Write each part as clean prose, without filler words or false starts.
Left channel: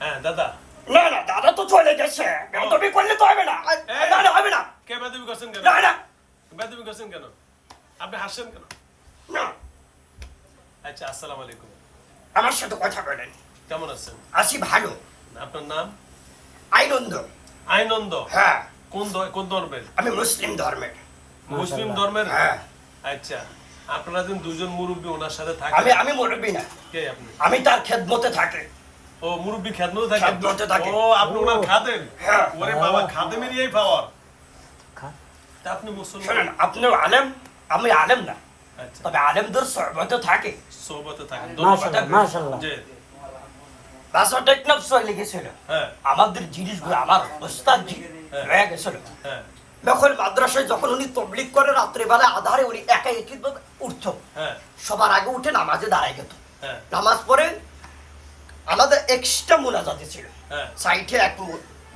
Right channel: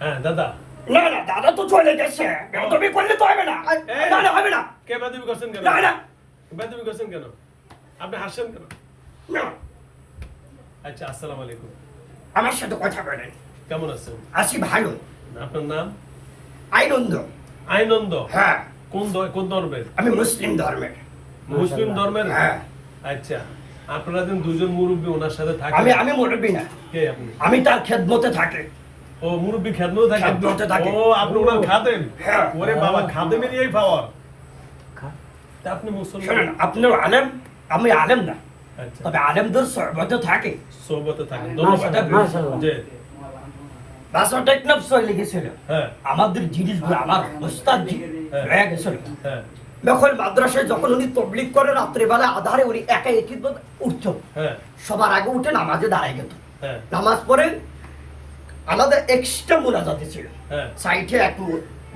হ্যাঁ দাদা। না না দাদা তো চলে গেছে, তুমি করলে তো হবে না। না না হবে না। কে বেদবি করছেন কেন? না না বেদবি করছেন কেন? আপনি হাসছেন কেন? না, আচ্ছা, আসসালামু আলাইকুম। আমার সাথে কথা বলেন। কেমন আছেন? আছি ভালো। আপনার নাম? আইনন্দ। আইনন্দ? হ্যাঁ, কোন ধর্মের? আমি মুসলিম ধর্মের। মুসলিম ধর্মের? হ্যাঁ। আচ্ছা, আপনারা দিন দুজন মুরব্বী ওনার সাথে থাকেন? আমি মুরব্বী না, কে আপনি? আমি তার খেদমতে থাকি। ও মুরব্বী খেদমতে থাকেন? খেদমতে থাকি। ও আপনি ওনার খাদেম? হ্যাঁ। ওরে বাবা, খাদেমের এই পাওয়ার। তা আপনি মুসলমান? শোনেন, আপনিও আলেম, আমি আলেম না, আচ্ছা, তবে আলেমদের সহবতে থাকে। সোহবতে থাকেন। ধন্যবাদ। মাশাআল্লাহ। জি। বাসা টেকনাফ চলে গেছিল। হ্যাঁ আমাদের জিনিসগুলো আমার ওস্তাদ জি হ্যাঁ। হয়ে গেছিল। হ্যাঁ যখন মাদ্রাসায় যখন উনি তবলিগ করে রাত্রেবেলা আধারে উনি একা একই উঠতো, হ্যাঁ সবার আগে উঠে নামাজে দাঁড়ায় যেত। হ্যাঁ নামাজ পড়ে আমাদের এক্সট্রা মোনাজাতে ছিল। হ্যাঁ সাইডে এক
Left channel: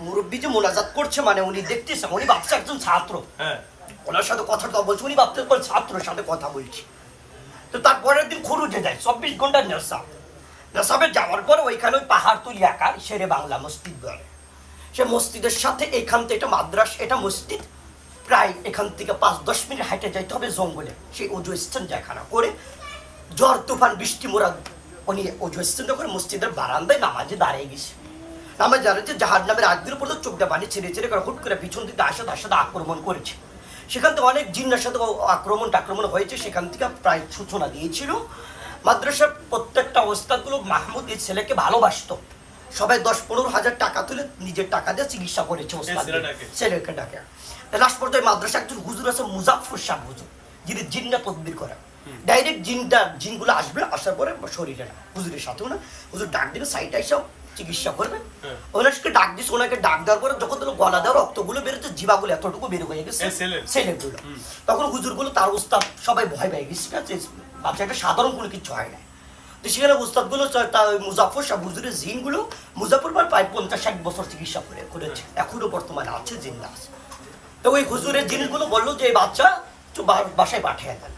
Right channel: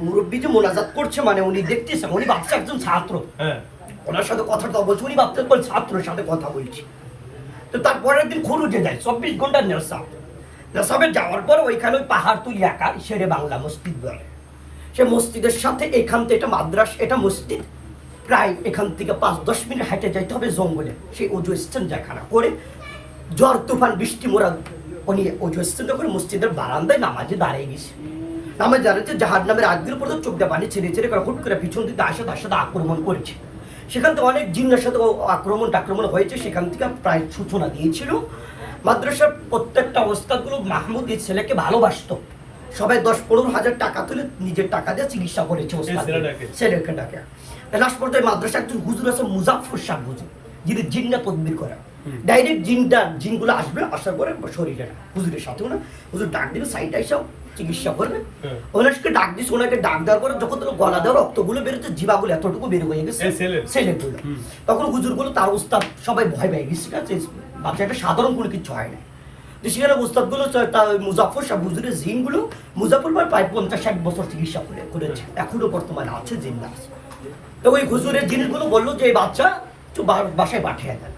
মুরব্বী যে মোনাজাত করছে, মানে উনি দেখতেছে, উনি ভাবছে একজন ছাত্র, হ্যাঁ ওনার সাথে কথা তো বলছে, উনি ভাবতে কোন ছাত্রের সাথে কথা বলছি। তো তারপরের দিন খরুজে যায় 24 ঘন্টার নেশা। নেশাবে যাওয়ার পরে ওইখানে ওই পাহাড় তুলি একা শেরে বাংলা মসজিদ বলে, সে মসজিদের সাথে এখান থেকে এটা মাদ্রাস, এটা মসজিদ প্রায় এখান থেকে 5-10 মিনিট হাঁটে যাইতে হবে জঙ্গলে। সেই অজু স্টেঞ্জাখানা করে ঝড় তুফান বৃষ্টি মোরা উনি অজু স্টেঞ্জা করে মসজিদের বারান্দায় নামাজে দাঁড়িয়ে গেছে। নামাজ দাঁড়িয়েছে, জাহাজ নামের আগদিন পর্যন্ত চোখটা পানি ছেড়ে ছেড়ে করে হুট করে পিছন দিকে আসে আক্রমণ করেছে। সেখান থেকে অনেক জিন্নার সাথে আক্রমণ হয়েছে, সেখান থেকে প্রায় সূচনা দিয়েছিল। মাদ্রাসার প্রত্যেকটা অবস্থাগুলো মাহমুদ এই ছেলেকে ভালোবাসতো, সবাই 10-15 হাজার টাকা তুলে নিজের টাকা দিয়ে চিকিৎসা করেছে ছেলেকে ডাকে। লাস্ট পর্যায়ে মাদ্রাসা একজন হুজুর আছে মুজাফফর শাহ হুজুর, যিনি জিন্না তদবির করে। ডাইরেক্ট জিনগুলো আসবে, আসার পরে শরীরে হুজুরের সাথেও না, হুজুর ডাক দিলে সাইড এসেও চিকিৎসা করবে। ওনাকে ডাক দিচ্ছে, ওনাকে ডাক দেওয়ার পরে যখন গলা দেওয়ার রক্তগুলো বেরোচ্ছে, জিবাগুলো এতটুকু বের হয়ে গেছে ছেলেগুলো, তখন হুজুরগুলো তার উস্তাদ সবাই ভয় পেয়ে গেছে, ঠিক আছে, বাচ্চাটা সাধারণ কোনো কিছু হয় না। তো সেখানে উস্তাদগুলো মুজাফফর শাহ হুজুরের জিনগুলো মুজাফফর প্রায় 50-60 বছর চিকিৎসা করেছে, এখনো বর্তমানে আছে জিন্না আছে। তো ওই হুজুরের জিনিসগুলো বললো যে এই বাচ্চা বাসায় পাঠিয়ে দেয়।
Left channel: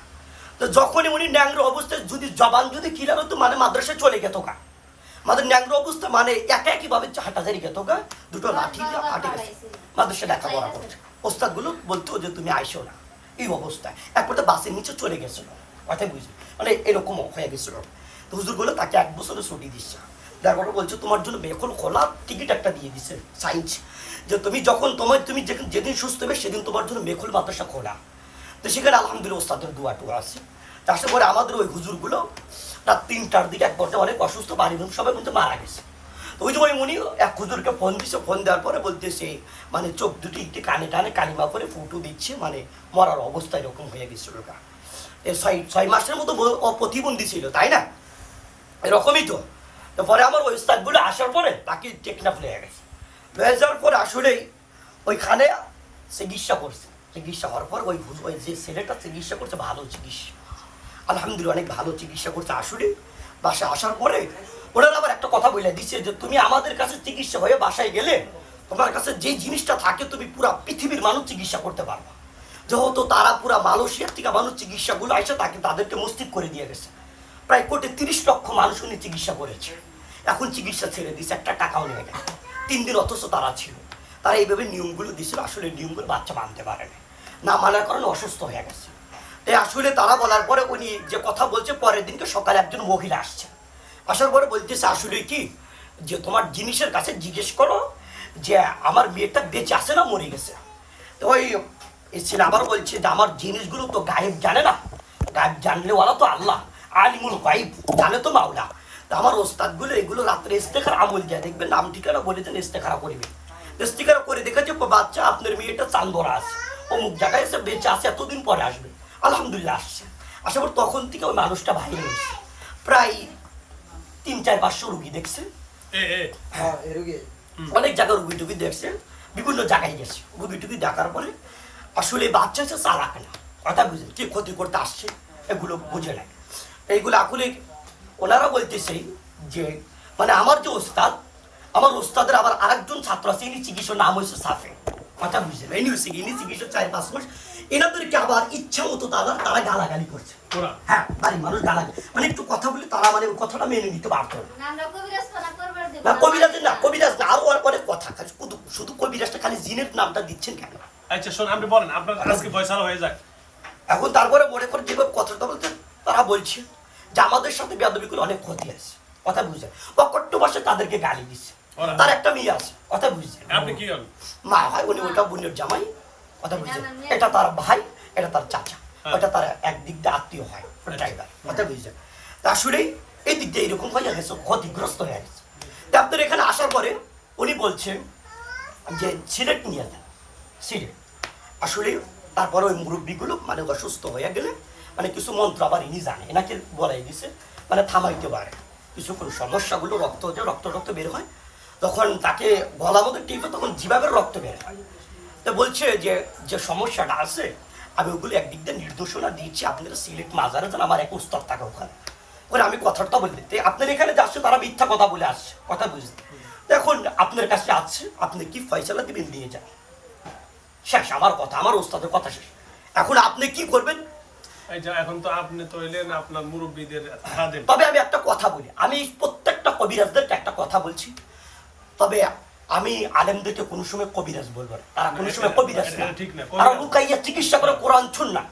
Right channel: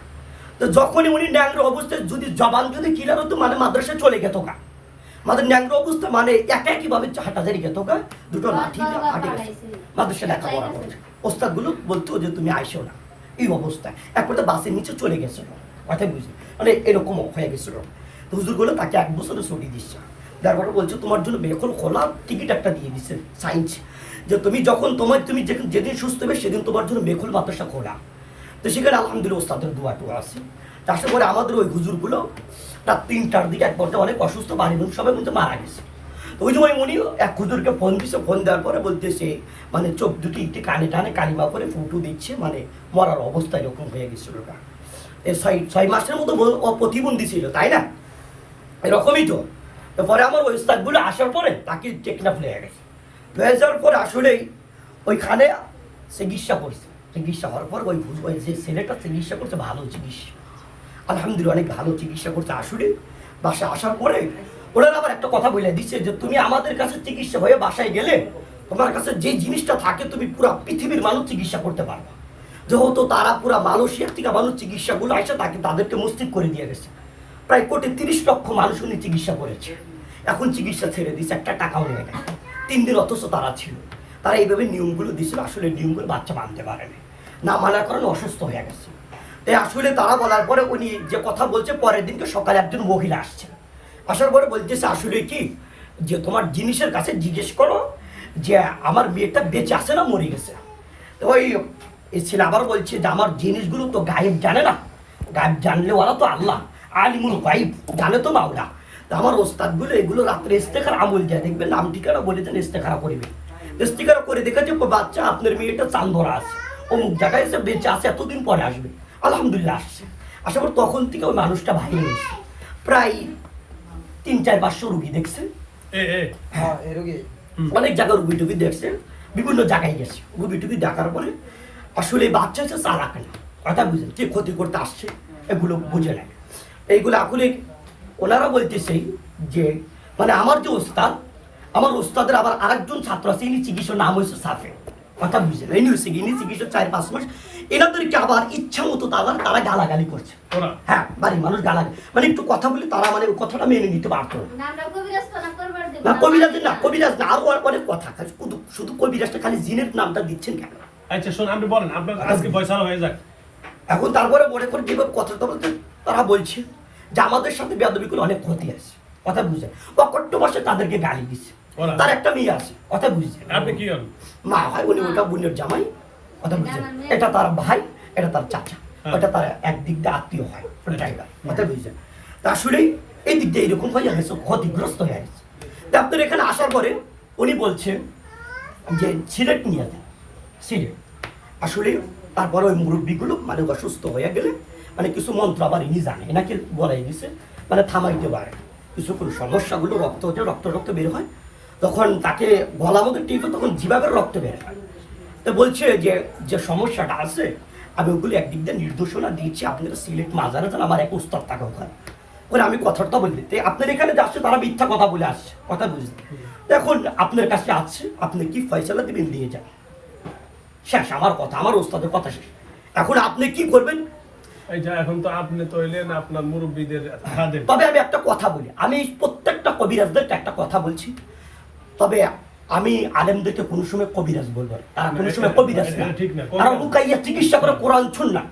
তো যখনই উনি ন্যাংর অবস্থায় যদি জবান যদি ক্লিয়ার হতো, মানে মাদ্রাসায় চলে গেত গা, আমাদের ন্যাংর অবস্থা মানে একইভাবে হাঁটাজারি গেত গা, দুটো লাঠি হাঁটে গেছে মাদ্রাসায় লেখাপড়া করছে। ওস্তাদগুলো বলতো যে তুমি আইসো না, এই অবস্থায় এক পর্যায়ে বাসের নিচে চলে গেছিল, কথাই বুঝলি, মানে এরকম হয়ে গেছিল। তো হুজুরগুলো তাকে 1 বছরে ছুটি দিচ্ছে, তারপরে বলছে তোমার জন্য বেকল খোলা টিকিট একটা দিয়ে দিচ্ছে সাইন্স, যে তুমি যখন তুমি যেদিন সুস্থ হবে সেদিন তোমার জন্য মেখল মাদ্রাসা খোলা। তো সেখানে আলহামদুলিল্লাহ ওস্তাদের দোয়া টোয়া আছে। তারপরে আমাদের ওই হুজুরগুলো রাত 3টার দিকে এক পর্যায়ে অনেক অসুস্থ, বাড়ির লোক সবাই কিন্তু মারা গেছে। তো ওই সময় উনি এক হুজুরকে ফোন দিচ্ছে, ফোন দেওয়ার পরে বলতেছে মানে চোখ দুটি একটি কানে টানে কালিমা করে ফুটু দিচ্ছে, মানে মরার অবস্থা এরকম হয়ে গেছিল। এই 6 মাসের মতো প্রতিবন্ধী ছিল, তাই না, এরকমই তো। তো পরে আমার ওই ওস্তাদগুলো আসার পরে তাকে টেকনাফ লেগে গেছে, হয়ে যাওয়ার পর আসলেই ওইখানে চিকিৎসা করছে। চিকিৎসা হওয়ার পর ওই যে ছেলেটা চিকিৎসা করছে, ভালো চিকিৎসা, আলহামদুলিল্লাহ অনেক ভালো চিকিৎসা করছে। আসলে বাসায় আসার পরে ওনারা আবার একটা কথা বলে দিচ্ছে যে তুমি আমাদের কাছে চিকিৎসা হয়ে বাসায় গেলে তোমার কাছে যে জিনিসটা থাকে তুমি পুরো পৃথিবীর মানুষ চিকিৎসা করতে পারবে। যেহেতু তারা পুরো মালয়েশিয়ার থেকে মানুষ চিকিৎসাগুলো আসে, তাদেরকে মস্তিষ্ক করে দিয়ে গেছে। প্রায় 1.30 কোটি মানুষ উনি চিকিৎসা করেছে, এখন চিকিৎসা ছেড়ে দিচ্ছে, একটা টাকাও নেই না। 3 দিন অথচ তারা ছিল, তারা এইভাবে নিয়মগুলো দিয়েছিল, আসলে নিয়মগুলো বাচ্চা মানতে পারেনি, না মানার কারণে অসুস্থ হয়ে গেছে। তাই আসলে তারা বলার পরে উনি যে কথা বলছে, পরের দিনকে সকালে একজন মহিলা আসছে, আসার পরে বলতেছে আসলে কি যে তোমার জিনিসের কাছে জিজ্ঞেস করো যে আমার মেয়েটা বেঁচে আছে না মরে গেছে। তো ওই ছেলে আবার বলছে যে আমার জিনিসগুলো তো গায়েব জানে না, গায়েব জানলে ওরা তো আল্লাহ, আলিমুল গায়েব জানে তো মাওলা। তো আমার ওস্তাদগুলো এগুলো রাত্রে ইস্তেখার আমল যায়, দেখবেন নাম ঠিকানা বলে দেন, ইস্তেখারা করবে। ইস্তেখারা করে দেখেছে বাচ্চা আপনার মেয়েটা চাঁদ ধরা আছে, অমুক জায়গায় এসে বেঁচে আছে, এতদিন পরে আসবে, আলহামদুলিল্লাহ আসছে। আসার পর তখন থেকে ওই মানুষটা ভাই হয়েছে, প্রায় 300-400 রুগী দেখছে, অনেক জায়গায় রুগী টুগী দেখছে, বিভিন্ন জায়গায় গেছে, রুগী টুগী দেখার পরে আসলে বাচ্চা হচ্ছে চালাক না, কথা বুঝে কে ক্ষতি করতে আসছে এগুলো বুঝে নেয়। এইগুলো আসলে ওনারা বলতেছে যে মানে আমার যে ওস্তাদ, আমার ওস্তাদের আবার আরেকজন ছাত্র আছে, ইনি চিকিৎসার নাম হয়েছে সাফে, কথা বুঝছেন এই নিউজে ইনি চিকিৎসা 4-5 মাস এনাদেরকে আবার ইচ্ছা মতো তারা গালাগালি করছে ওরা হ্যাঁ বাড়ির মানুষ গালাগালি মানে একটু কথা বলে তারা মানে ওই কথাটা মেনে নিতে পারতো না কবিরাজ না আরো অনেক কথা শুধু কবিরাজটা খালি জিনের নামটা দিচ্ছেন কেন আচ্ছা শুন আপনি বলেন আপনার আজকে ফয়সালা হয়ে যাক এখন তারপরে মনে করে যেভাবে কথাটা বলতে তারা বলছে যে আমাদের সাথে বেয়াদবি করে অনেক ক্ষতি আছে কথা বুঝছে অকট্ট ভাষা তাদেরকে গালি দিচ্ছে ওরা? তার একটা মেয়ে আছে কথা বুঝছে আপনি কি হন মা হয় উনি ওটা বোনের জামাই কথা বুঝছে এটা তার ভাই এটা তার চাচা হ্যাঁ। ওটা তার একদিক দিয়ে আত্মীয় হয় ড্রাইভার কথা বুঝছে তা আসলে এই দিক দিয়ে এরকম হয়ে গেছে ক্ষতিগ্রস্ত হয়ে গেছে তা আপনার এখানে আসার পরে উনি বলছেন যে সিলেট নিয়ে যান সিলেট আসলে তারপরে ওই মুরব্বীগুলো মানে অসুস্থ হয়ে গেলে মানে কিছু মন্ত্র আবার ইনি জানে এনাকে বলাই দিছে মানে থামাইতে পারে কিছু কোনো সমস্যাগুলো রক্ত বের হয় তখন তাকে গলা মতো টিপে তখন জিভাবের রক্ত বের হয় তো বলছে যে যে সমস্যাটা আছে আমি ওগুলো একদিক দিয়ে নির্দেশনা দিয়েছি আপনারা সিলেট মাজারে যান আমার এক উস্তাদ থাকে ওখানে ওরা আমি কথাটা বলতে আপনার এখানে যাচ্ছে তারা মিথ্যা কথা বলে আসছে কথা বুঝতে এখন আপনার কাছে আসছে আপনি কি ফয়সালা দিবেন দিয়ে যান শেষ আমার কথা আমার ওস্তাদের কথা শেষ এখন আপনি কি করবেন এই যে এখন তো আপনি তো হইলেন আপনার মুরব্বীদের খাদেম তবে আমি একটা কথা বলি আমি প্রত্যেকটা কবিরাজদেরকে একটা কথা বলছি তবে আমি আলেমদেরকে কোনো সময় কবিরাজ বলবো না। তারা কোনো সময় কবিরাজ না এটা ঠিক না। তারা লুকাইয়া চিকিৎসা করে কোরআন শুন না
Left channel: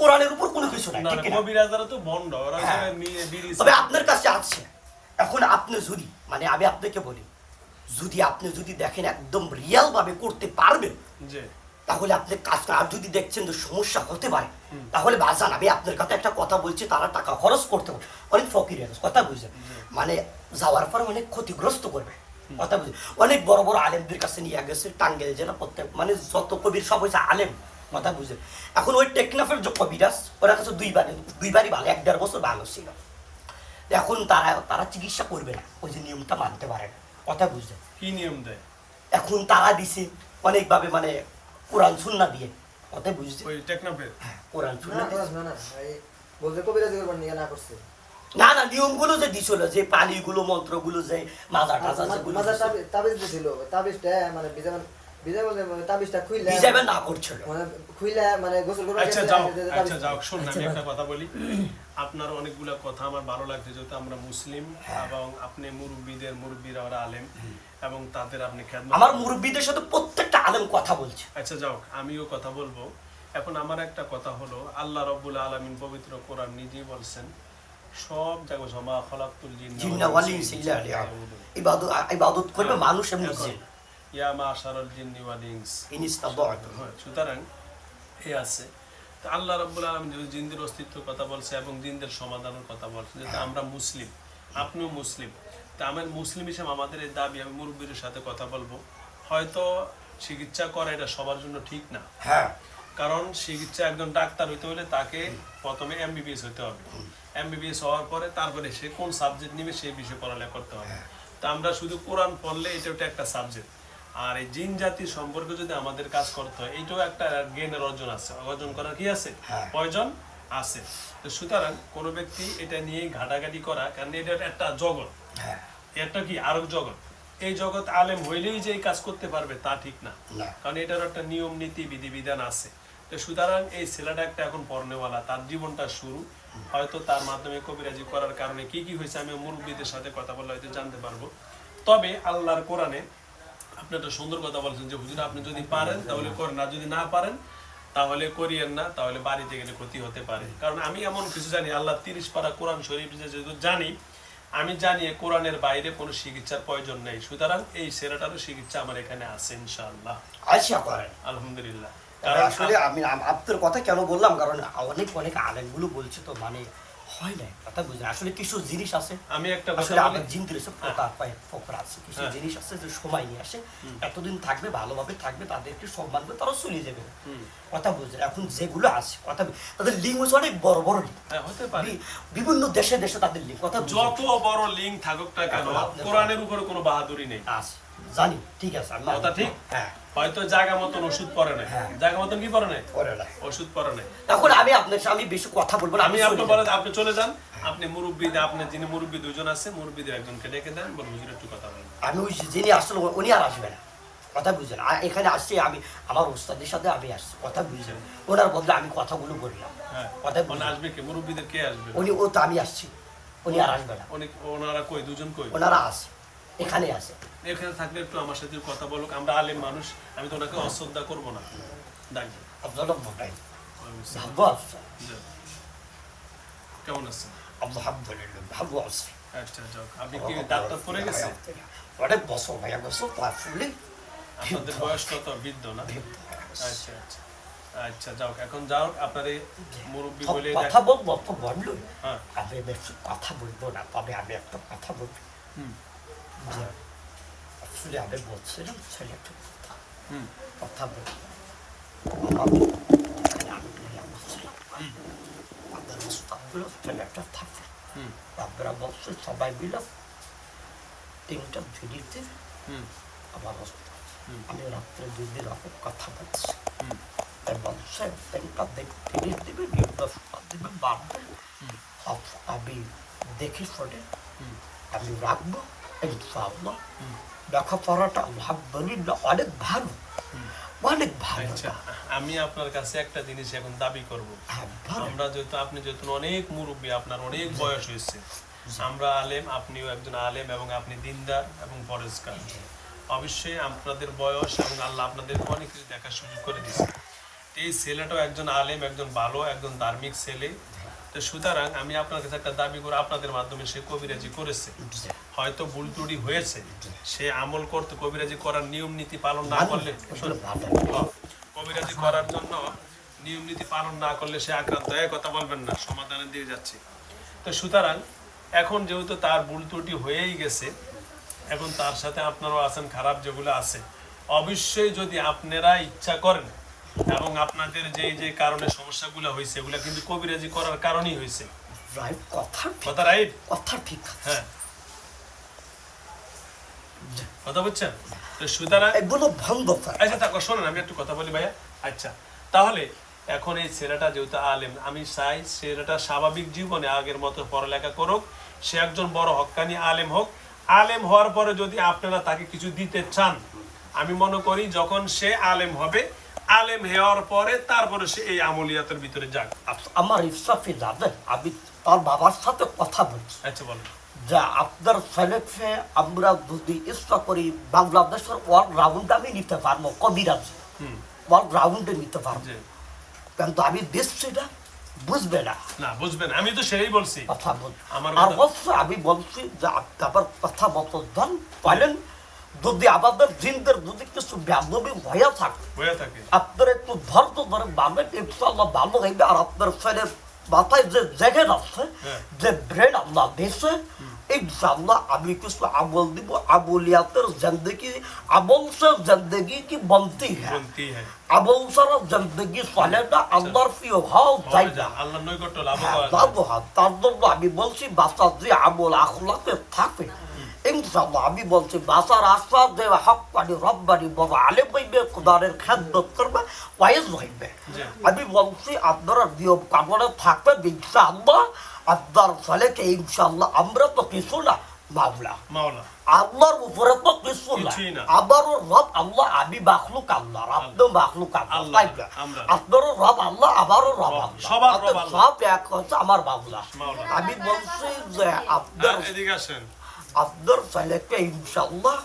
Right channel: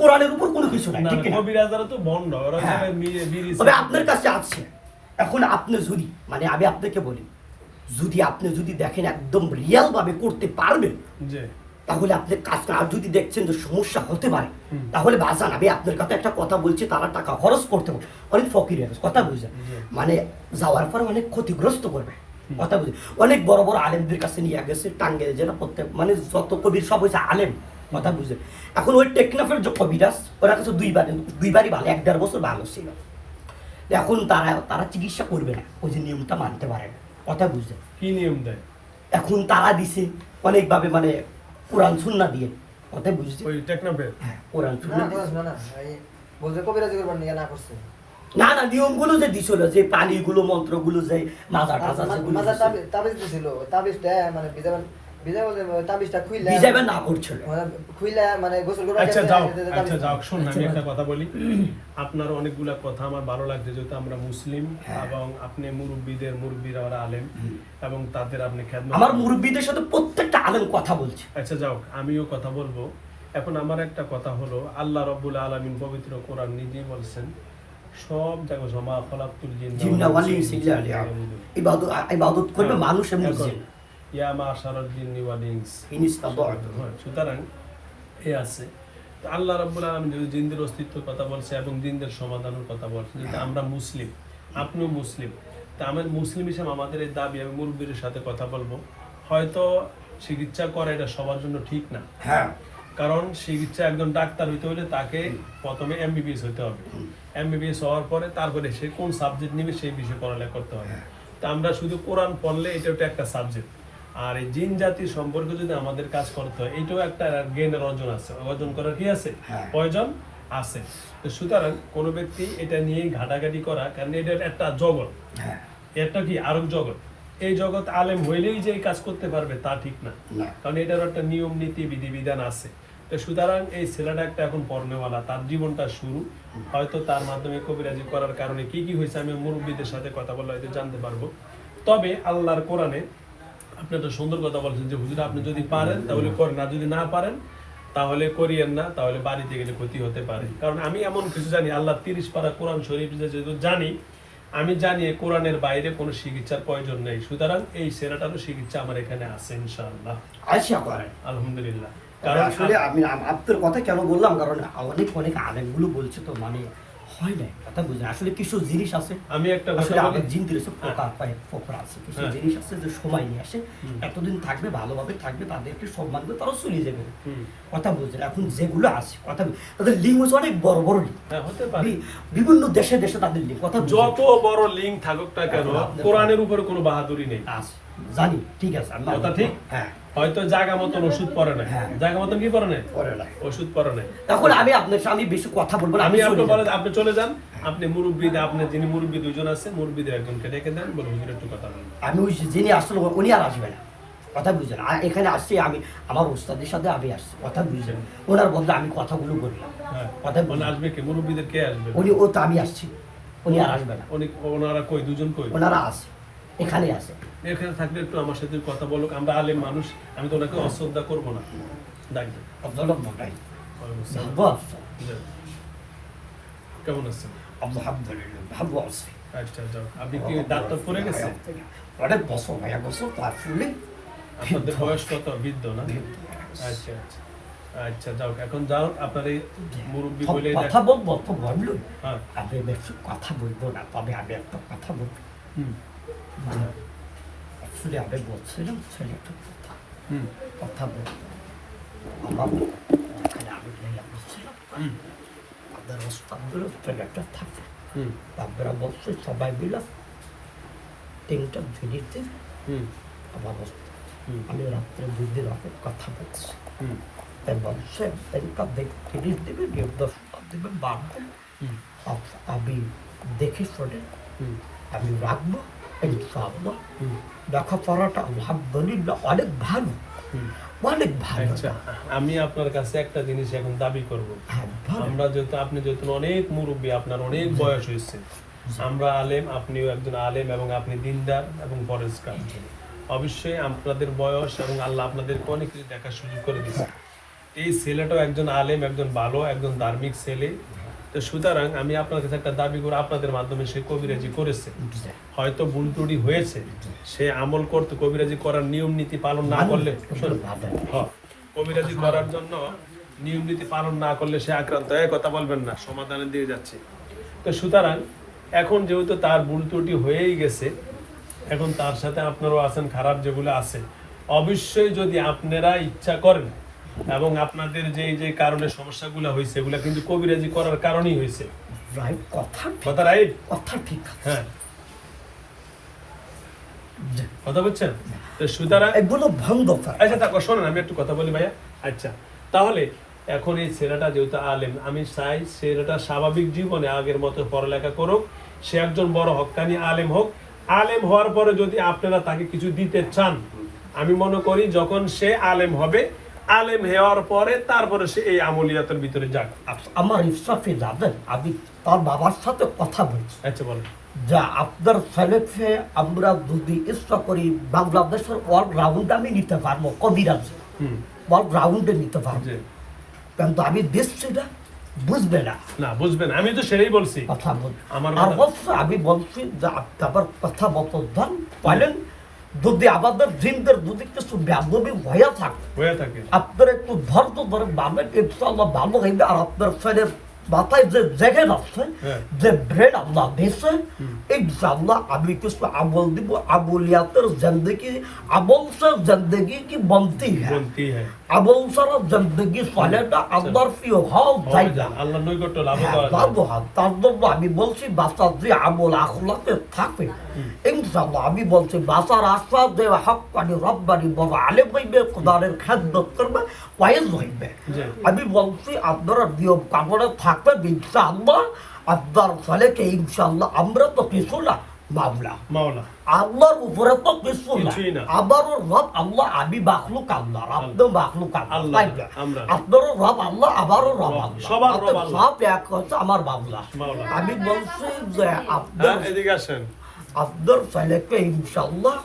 কোরআনের উপর কোনো কিছু নাই না ঠিক না কবিরাজরা তো ভণ্ড ওরা হ্যাঁ। সবাই বিড়ি তবে আপনার কাছে আছে এখন আপনি যদি মানে আমি আপনাকে বলি আপনি যদি দেখেন একদম রিয়াল ভাবে করতে পারবেন যে তাহলে আপনি কাজ করেন আর যদি দেখছেন যে সমস্যা হতে পারে তাহলে বাজান আমি আপনার কাছে একটা কথা বলছি তারা টাকা খরচ করতে পারে অনেক ফকির কথা বুঝে মানে যাওয়ার পর অনেক ক্ষতিগ্রস্ত করবে কথা বুঝে অনেক বড় বড় আলেমদের কাছে নিয়ে গেছে টাঙ্গে যেটা প্রত্যেক মানে যত কবির সব হয়েছে আলেম কথা বুঝে এখন ওই টেকনাফের যে কবিরাজ ওরা কাছে দুইবারই ভালো 1-1.5 বছর ভালো ছিল এখন তারা চিকিৎসা করবে না ওই যে নিয়মটা মানতে পারে না কথা বুঝে কি নিয়ম দেয় এখন তারা দিছে অনেকভাবে মানে কোরআন সুন্নাহ দিয়ে কথা বুঝছে ওই টেকনাফের হ্যাঁ কোরআন সুন্নাহ দিয়ে বলতে কবিরাজি করবেন না করছে না নিয়মগুলো যে দিছিল যে পানিগুলো মন্ত্রগুলো যে মাজা টাজা যেগুলো তাবিজ দিছিল তাবিজটা মানে তাবিজটা খুইলা বিজাইবা না করছিল মানে খুইলা মানে গোসল করে আচ্ছা যাও শোন আমি একটা কথা বলি আপনার অনেকগুলা কথা আমার ভালো লাগছে যেহেতু আমরা মুসলিম এবং আপনি মুরব্বীরা ওরা আলেম এবং তাদের আপনি খেদমত আমার মুরব্বীদের সাথে প্রত্যেকটা আলেম কথা বলছে আচ্ছা যাও আমিও কথা বলবো এখন আমার একটা কথা হলো আল্লাহ রাব্বুল আলামিন পবিত্র কোরআন নিজেই বলছেন সব জায়গায় জমা খলাকুল জিন্না ওয়াল ইনসা ইল্লা ইবাদত করবে মানুষ এমনি জিন ইয়া মাশারাল জিন্নি ওয়াল ইনস ইনিস্তাদাতু সুতরাং এই আছে তো আল্লাহ রাব্বুল আলামিন যদি জিনদের অস্তিত্বের কথা বলছে এবং জিনদের সমাধানের কথা বলছে যেটা আমরা মুসলিম আপনিও মুসলিম তা আমার মুসলিম হিসেবে আমাদের এই দাবি আমি মুরব্বীদের সাথে কথা বলবো হয়তো চিকিৎসা করা এটা সবার জন্য ঠিক না হ্যাঁ কারণ চিকিৎসা একজন ডাক্তার হইতে হলে তাকে প্রথমে এমবিবিএস হইতে হবে এমবিবিএস হওয়ার পরে তারপরে সে কোন সাবজেক্ট নিবে সেই বিষয়ে পড়ালেখা করতে হবে তা আমরা শুধু কোরআন পড়লে এটা একটা সাবজেক্ট আর এই জিন জাতির সম্পর্কে যদি আমাদের কাজ করতে হয় এইটাও একটা জ্ঞানের অর্জন করার কি আছে প্রয়োজন আছে তো সুতরাং কোনো ব্যক্তি এটা নিয়ে ঘাটাঘাটি করা কারণ এটা একটা জগৎ এটা কি আরো জগৎ এই জগৎ আলেম হইলেই যে এই কাজ করতে পারবে তা ঠিক না কারণ এটার একটা নিয়ম নীতি বিধিবিধান আছে তো সুতরাং এই ছেলেটা একটা এখন পড়নেওয়ালা তার জীবনটা শুরু হয়তো তার মাধ্যমে কবিরাজি করার কারণে কি কি হয়েছে আমি মুরব্বীদের সাথে কথা বললে হয়তো জানতে পারবো তবে আল্লাহর কোরআনে আপনি একটা সুন্দর কথা বলছেন যে হুজুর আপনি যদি পারেন তাহলে করেন না যদি না পারেন তাহলে করিয়েন না তাহলে বাড়িতে গেলে ক্ষতি হতে পারে কারণ আমি এমন কিছু জানি আল্লাহ 30 পারা কোরআন শরীফ যেহেতু জানি আমি জানি কোরআনের বাইরে কোনো চিকিৎসার প্রয়োজন নেই সুতরাং এই সেরাটারও চিকিৎসা আমার এখানে আছে ইনশাআল্লাহ আশা করেন আলহামদুলিল্লাহ কারণ আসলে আমি আপনার কথা কেন বললাম কারণ অনেক আলেমগুলো বলছে তো মানে হয় না কথা বুঝলেন আসলে কিছু জিনিস আছে আমি একটা কথা আসলে বলি আলেম জিন দিয়েছে ফোকা পায় ফোকর আছে কিছু জিনিস আছে যে সময় নিয়ে আসে এতদিন থাকবে ভালোভাবে থাকবে তাদেরকে সম্মান করে তারা চলে যাবে কথা বুঝলেন এখন যেগুলো আছে কথা তাদের লিঙ্গ অনেক বড় বড় হ্যাঁ হতে পারে বিভিন্ন দেশে তাদের লিঙ্গ কথা যত বড় লিঙ্ক থাকুক না কেন কোরআনের উপরে কোনো বাহাদুরি নেই আছে জানি ঠিক আছে কথা ঠিক হ্যাঁ হয়তো জায়গা মতন ওষুধ পরে নাই জায়গা মতন কি পরে নাই ওষুধ পরে নাই এখন আমি আপনার সাথে বেশি কথা বলবো না আমি আপনি বলেন আপনি চলে যান আপনি মুরব্বীদের আপনি যিনি মুরব্বী দুজন আছে মুরব্বীদের একজনকে ডেকে দেন বলে হুজুর একটু কথা বলেন আমি ওই যিনি আসলে উনি আর আসবে না কথা বুঝলেন, আর এখানে আসছি আমি আমার ওস্তাদের সাথে আমি আসছি, কথা বুঝলেন, ওনার বলতে আমি কথাগুলো বললাম, হ্যাঁ কথা মানে বুঝলেন? আসবে কে মুরব্বীদের কে আসবে উনি ও তো আমি আসছি, উনি আর আসবে না, ওনারা কই দুজন কই ওনারা আছে, এখানে আছে। এখানে থাকলে একটু আমার সাথে কথা বলুক, আমরা আলেম মানুষ, আমি তো ওনাকে অশ্রদ্ধা করবো না। ডাক দিন। আব্দুল্লাহ মোটাই ওয়ালাইকুম আসসালাম। ভালো আছে, জি। কেমন আছেন? আলহামদুলিল্লাহ ভালো আছে। আচ্ছা যাও, আপনি কি ডাক্তার পড়ে গেছে? অনেক বছর ভাইয়া বছর তো আসলে আপনাদের বয়স কত? বৃদ্ধ না? আচ্ছা আচ্ছা আচ্ছা যাও, এখন যাও আপনার এই মুরব্বী বলে কথা বলবো তো বললো, হ্যাঁ আমি বেশি কথা বলবো না, তবে আমি একটা কথা বলবো। হুম আসলে আমি বলছিলাম ছেলেটা হুম কথা বলবো আমার, আমি বলছিলাম হুম তাদের ওস্তাদগুলো ছেলেটা থাকে, হুম আমরা বলছি সবাই মিলে 3টা দিদিতে হুম আমার ওস্তাদ, হুম আমি রাত্রে 2 দিন আগে কথা বলছি, হুম এবং সে এরপর 30 দিনে নির্দেশ দিবে বাড়বে, হুম আমি দেখে শুনে হুম আমি রাখবো ইনশাআল্লাহ। হুম লেখাপড়াটা আলহামদুলিল্লাহ অনেক ভালো, হুম অনেক ভালো। আচ্ছা, আমি আপনার কাছে একটা জিনিস এখন দাবি করব। হ্যাঁ, ভালো। আমরা যেহেতু আপনি যেহেতু অনেক মুরব্বী, আপনার অনেক বয়স হয়েছে, আমরা আলেম, আপনিও একজন আলেম এবং আপনি দিনদার এবং পরেজগার। অবশ্যই আপনাদের বয়স এবং আল্লাহ আপনাদেরকে অনেক কিছু দেখার সুযোগ করে দিয়েছে। এই ছেলেটাও একজন আলেম, একজন ভালো, একজন ধার্মিক ছেলে। তো সুতরাং আমি আপনার কাছে একটা দাবি করে, আপনাদের মাধ্যমে সে কবিরাজি করেছে, হয়তো ভুল ত্রুটি হয়েছে, সে আমল করতে কবিরাজি করার নিয়ম নীতি পালন না করলে, শোনো, হ্যাঁ, কবিরাজি করার জন্য নিয়ম নীতি পালন না করলে সে আক্রান্ত হয়, কথা বলবেন না, সমাধানের দিয়ে যাচ্ছে। তো সুতরাং এখন যেহেতু তার ভুল ত্রুটি হয়েই গেছে, এখন তার সাথে আপনারাও আছেন, খারাপ যেগুলো আছে, অবশ্যই যদি আপনারা ইচ্ছা করেন এবং আপনাদের যে যে কারণে সমস্যাগুলো হয়েছে, এগুলা কিন্তু কবিরাজি করার কারণেই হয়েছে। রাইট, কথা কথা রাইট? কথা ঠিক আছে। হ্যাঁ, কথা বলছেন? তো সুতরাং এগুলো বন্ধ করে। আচ্ছা তা শোনেন, আমি একটু কথা বলি ভাইয়া। আচ্ছা, তাহলে এখন এই ছেলেটা যেহেতু আলেম, আমি চাই ছেলেটা স্বাভাবিক জীবনে আগের মতো পড়ালেখা করুক, সে একজন বড় হক্কানি আলেম হোক। আলেম হওয়ার পরে যদি আপনারা তাকে কিছু দিতে চান, আমি মনে করি যখন সে আলেম হবে, আলেম হওয়ার পরে তারপরে সে এই আমলিয়াতের ভিতরে যাক। আমার ইচ্ছাতে যাবেন, আমি তার বাবার সাথে কথা বলছি আচ্ছা বলেন। যে আপনার ছেলেকে আমরা যদি ইচ্ছা করি বাংলাদেশের ওয়ার্ল্ড রাউন্ড আমি নিতে পারবো, কবিরাজ হুম ওয়ার্ল্ড রাউন্ডে নিতে পারবো, জি। কিন্তু আমি দিচ্ছি না, বুঝবে না না বুঝবেন, আমি তো সেটাই বলছি। কথা বলছি। আমার আর কথা- অবশ্য আমি বলছি যে আপনার কথা মতো ধন বলেন, যদি আমাদের জিনদের যদি কিছু ব্যাধবি হয়ে থাকে, হয়ে থাকে। আপনার একটু ধৈর্য ধরে পাবেন, ইনশাআল্লাহ ভালো হইবে। আর আপনার ছেলের মাথায় যে জেগে আছে, হ্যাঁ। যে ব্রেন আল্লাহ দিয়েছে, ইনশাআল্লাহ আমি কিছু আমল দিব, আমলিয়াতের জিন্দগি, আমল সে জিন্দগি কি বনতি হ্যাঁ, বলতেই হ্যাঁ, আমল ছাড়া জিন্দগি চলে না, আল্লাহর প্রিয় হওয়া যায় না। আল্লাহ নৈকট্য লাভ করা যায়। তার জন্য আমি বলছি বাচ্চার যে আমল আখলাকে থাকে, ইনশাআল্লাহ আমি বলছি বাচ্চার আশা যে হক পানি রব্বানি বড় আলেম হইবে, খোদারের খেদমত করবে, ওয়াইজ হইবে। জি। আমি বলছি আপনারা নিয়ম কানুনে থাকবে, ইনশাআল্লাহ আপনার ছেলেকে ইনশাআল্লাহ, আমরা তো কিছু না মামলা, মাওলা আল্লাহর উপরে তো কিছু কিছুই না। না, আমারও রব আল্লাহ, আমি মাখলুক আল্লাহ, আপনিও মাখলুক আল্লাহ, আল্লাহ, আমরা। আপনারও রব আল্লাহ, আমারও রব রব, আল্লাহ, সবার রব আল্লাহ। সব এক হচ্ছে আমার মামলা। মাওলা। আমি বলছি যে হ্যাঁ, এদিকে আসেন। আপনার ছেলেকে ইনশাআল্লাহ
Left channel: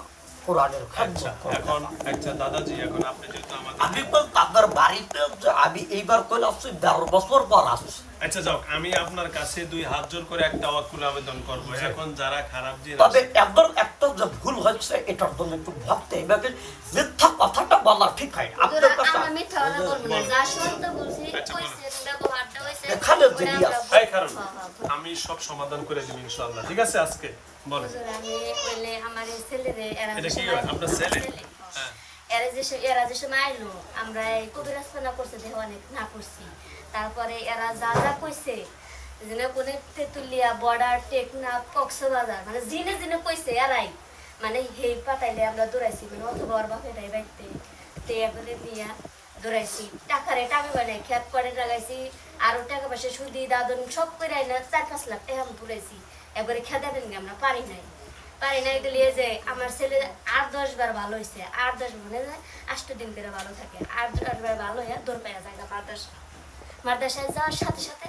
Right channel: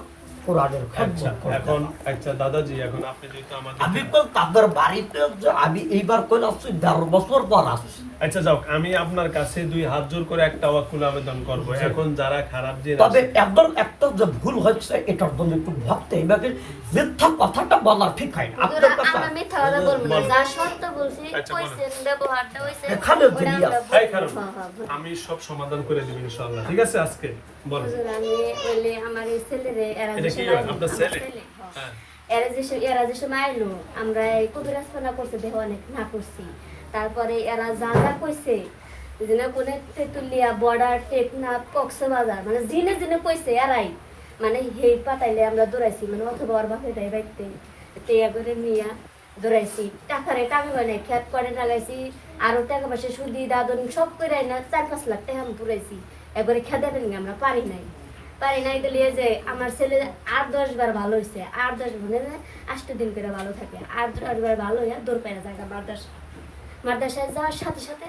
কোরআনের আচ্ছা, খেদমত করবে। এখন আচ্ছা দাদাজি, এখন আপনি যেহেতু আমাদের আমি তো তাদের বাড়িতে যে আমি এইবার করে আসছি 11 বছর পর আসছি। আচ্ছা যাও, আমি আপনার কাছে 2 হাত জোর করে একটা ওয়াকুল আবেদন করব। এখন যারা খারাপ জিন তবে আছে, একদম একটা যে ভুল হচ্ছে, এটার জন্য একটু ভাবতে এভাবে মিথ্যা কথাটা বলা ঠিক হয় না। আপনার কাছে আমি মিথ্যা কথা বলবো না, যা সত্য বলছি, আচ্ছা, বলেন। কইছেন, ব্যবহারটা হইছে, এখানে ওটা যদি আমরা আছে। এই কারণ হ্যাঁ, হ্যাঁ, বলুন। আমি সব সমাধান করে দিব ইনশাআল্লাহ। ঠিক আছে, আজকে বলেন। হুজুর, আমি বললে আমার এই ছেলেরে এরা এটা যে কি সময় আইলো, আপনার আমার ছেলে? ছেলে, হ্যাঁ। হ্যাঁ। এরা যে সময় আইলো, আমরা এই কবিরাজখানা করছে, দেহ অনেক না করছি। তারপরে এরা যা যা কইছে, যে না কোনে তেতুলিয়া, বর্ডার, টেকনাফ, কক্সবাজার, মানে জিনে জিনে কইছে এরাই, মানে হেই পাতাইলে আমরা দৌড়াইছি, মানে অথবা ওর বাপে তাই বাইতে টেয়া করে নিয়া দৌড়াইছি, টাকারে টাকা মানে খেত করে টাকাইছি, আরো টাকা পয়সা সুদি দাদন সব করে না 4-5 লাখ টাকা আমি পুরাইছি, একবারে খেতে দেন আমরা পারি নাই। পারি নাই তো লিয়ে যে আমার ছেলে 8-10 বার ভালো হয়েছে, 8-10 গুণে 8 দিন করে ভালো থাকে, 8 বার ভালো হইয়া দৌড় পাইয়া জায়গা মাদ্রাসায় যাওয়ার সাথে সাথে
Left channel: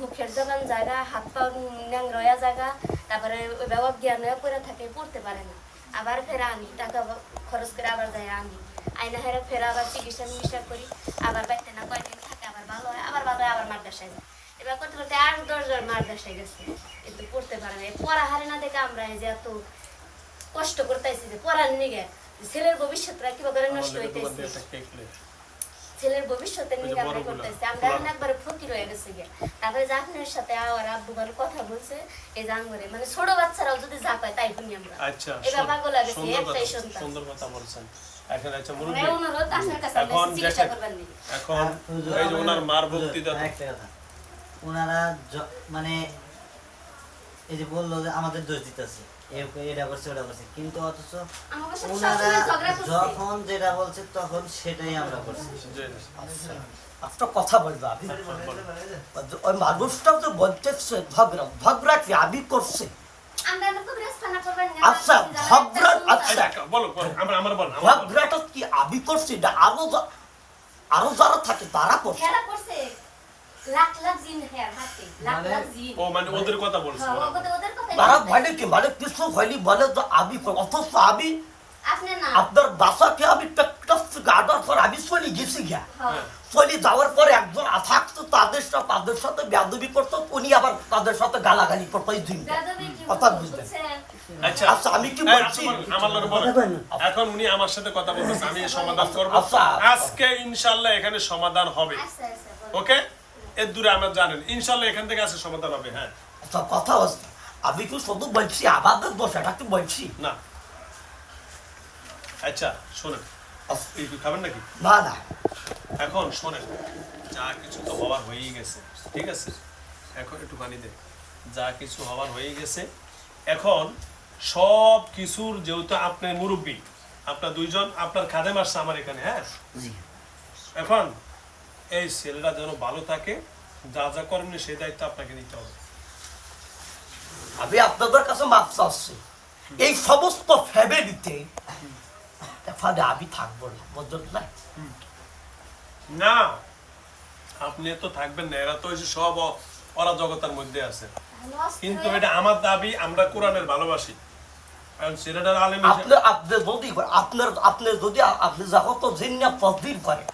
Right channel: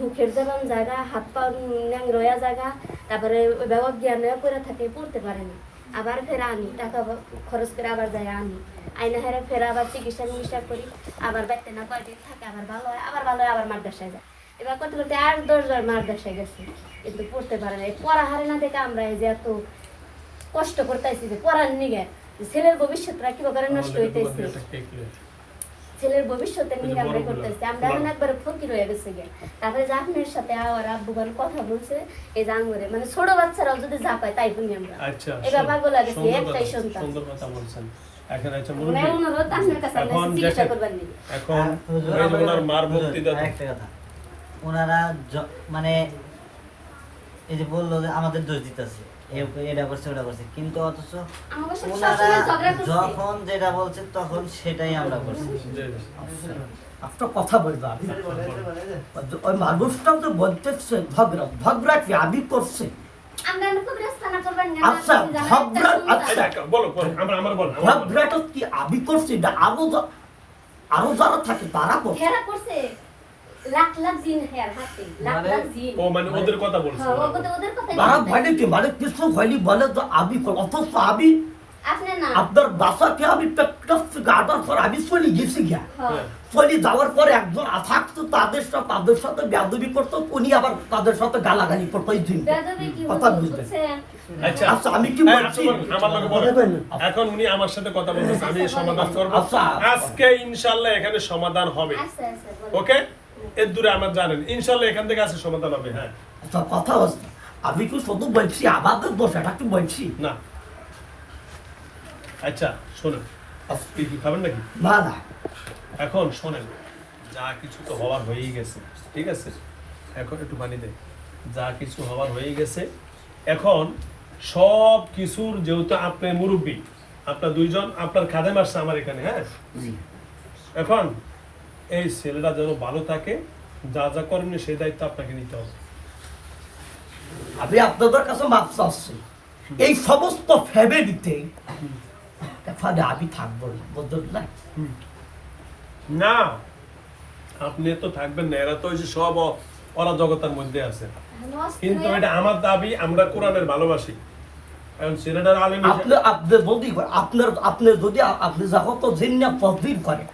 মুখের জবান জায়গা, হাত পা ন্যাংরোয়া জায়গা, তারপরে ব্যবহার জ্ঞান পড়ে থাকে, পড়তে পারে না। আবার ফেরা আনি, টাকা খরচ করে আবার যাই আনি, আইনা হেরা ফেরা আবার চিকিৎসা করি, আবার বাইতে না কয়দিন থাকে, আবার ভালো হয়, আবার মাদ্রাসায় যায়। এবার করতে করতে 8-10 বার মাদ্রাসায় গেছি, কিন্তু পড়তে পারে না। এই পড়া হারে না দেখে আমরা এই যে এত কষ্ট করতেছি যে পড়ার নিগে, ছেলের ভবিষ্যৎটা কিভাবে নষ্ট হইতেছে, ছেলের ভবিষ্যতের নিয়ে আমরা করতেছি। আমরা এখন একবারে ফকির হয়ে গেছে গে। তারপরে যে আপনার সাথে আমার আব্বুগান কথা বলছে এই জাঙ্গরে, মানে ছোট বাচ্চারাও যদি যা পায় তাই শুনি আমরা। আচ্ছা, এবার পাগল লাগছে, একটাই সন্তান। সুন্দর কথা বলছেন। এখন আচ্ছা মানে অনুরোধ আপনার কাছে, আপনি চিকিৎসা করবেন নি। এখন এই যে ওনার মার মুক্তি দাও। একটা কথা, ওনারা মানে এই যে বললো যে আমাদের দোষ দিতেছে, এটা করছে ওটা করছে, কিন্তু অথচ আমার সাথে ওনারা সবসময় ঝগড়া করছে। যখন যেটা বলছে তখন সেটাই আমরা করছি। একটা কথা বলবো আমি, ওই মানুষটাও তো বলতেছে ঝগড়া কি আমি করছে? আমরা তো রাস্তানা করবেন না। আচ্ছা, ঝগড়া আচ্ছা, বলো আমার বল। ঝগড়াটা কি আমি করছি না আরো যারা থাকে তারা করছে? হেরা করছে লাখ লাখ জিন হেয়ার হাতে, লাখ লাখ জিন। ও মানে ওদের কথা বলছে। হ্যাঁ, ওদের কথাই তারা বলছে। মানে কি মানে কিছু হয়নি বলে যে আমি অথচ আমি আপনি না। আপনার বাসাকে আমি পেটকাছ থেকে আনার পর আমি চলে গেছি গিয়া, হ্যাঁ। চলে যাওয়ার পরে একজন থাকতো তাদের সাথে বেয়াদবি করতো, উনি আবার তাদের সাথে গালাগালি করতো। এই দুই বেয়াদবি কি কথা বুঝলেন? হচ্ছে? আচ্ছা, আচ্ছা, আমি কি এই, বলছি? আচ্ছা, বলেন, আমার লগে বলেন। এখন উনি আমার সাথে কথা বলতেছে, আমি সমাধান করব। আচ্ছা। আজকে ইনশাআল্লাহ এখানে সমাধান হবে। আচ্ছা আচ্ছা বলেন। ওকে, এর দূরে আমরা জানেন ইনশাআল্লাহ এখান থেকে আজকে সমাধান হবে। হ্যাঁ, আচ্ছা, কথা হচ্ছে আমি কি শুধু বলছি আমাদের দোষ, এটা কি বলছি? না আচ্ছা শোনেন, কি খাবেন নাকি? না না, এখন শোনেন, যা কিছু তো হওয়ার হয়েই গেছে, ঠিক আছে? এখন একটু পানি দে। যা কিছু হওয়ার হয়েই গেছে, এখন সব কিছুর যেহেতু আপনি মুরব্বী, আপনার দুইজন আপনার খাদেম আসছে আমার এখানে, হ্যাঁ? এখন এই ছেলেটা যেন ভালো থাকে, যা যা করেন সেই দায়িত্ব আপনাকে নিতে হবে। আমি আপনাদের কাছে মাপ চাচ্ছি, এই সমস্ত ফ্যামিলিতে এখানে আমি থাকবো না, বুঝলেন না? না, আপনি তো থাকবেন না, এরা তো ওই যে সব অরাজকতার মধ্যে আছে। কিন্তু এটা আমার দাবি, আমরা কোরআনের ভালোবাসি। এখন ছেলেটার আলেম আপনি আপনি যখন তো জিন্না তদবির করে,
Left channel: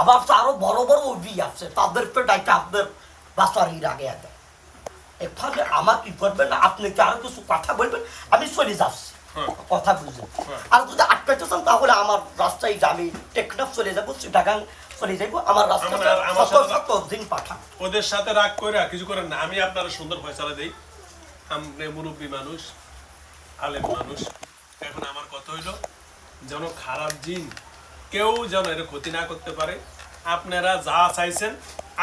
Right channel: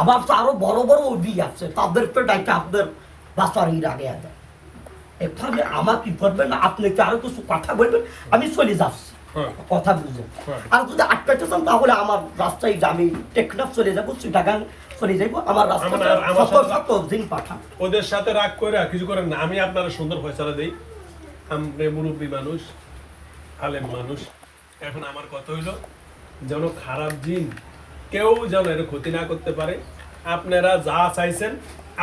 আমার তো আরো বড় বড় অভি আছে, তাদেরকে ডাইকে আপনার বাসারির আগে আনে। এখানে আমার কি করবেন না, আপনি কি আরো কিছু কথা বলবেন, আমি চলে যাচ্ছি। হ্যাঁ। কথা বুঝলেন? হ্যাঁ। আর যদি আটকাতে চান তাহলে আমার রাস্তায় আমি টেকনাফ চলে যাবো, চিটাগাং চলে যাবো, আমার রাস্তাটা আমার সাথে- শত দিন পাঠান। ওদের সাথে রাগ করে আর কিছু করেন না, আমি আপনারা সুন্দর ফয়সালা দেই। আমরা মুরব্বী মানুষ, আলেম মানুষ। এখন আমার কথা হইলো, যেন খারাপ জিন কেউ যেন এর ক্ষতি না করতে পারে। আপনারা যা চাইছেন,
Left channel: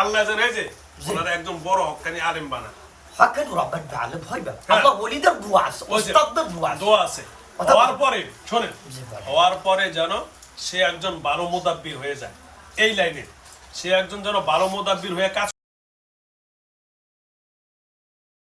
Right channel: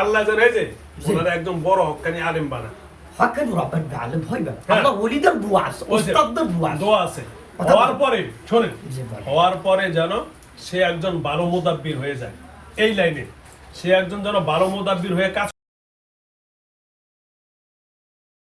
আল্লাহ যেন এই যে ওনারা একদম বড় হক্কানি আলেম বানা। হকেন রবের গালে ভয় না, হ্যাঁ। আমার ওলিদের দোয়া আছে, ওই যে উস্তাদদের দোয়া আছে। দোয়া আছে। কথা হওয়ার বলেন। পরে শোনেন, জি বলেন। হওয়ার পরে যেন সে একজন ভালো মুদাব্বির হয়ে যায় এই লাইনে, সে একজন যেন ভালো মুদাব্বির হয়ে কাজ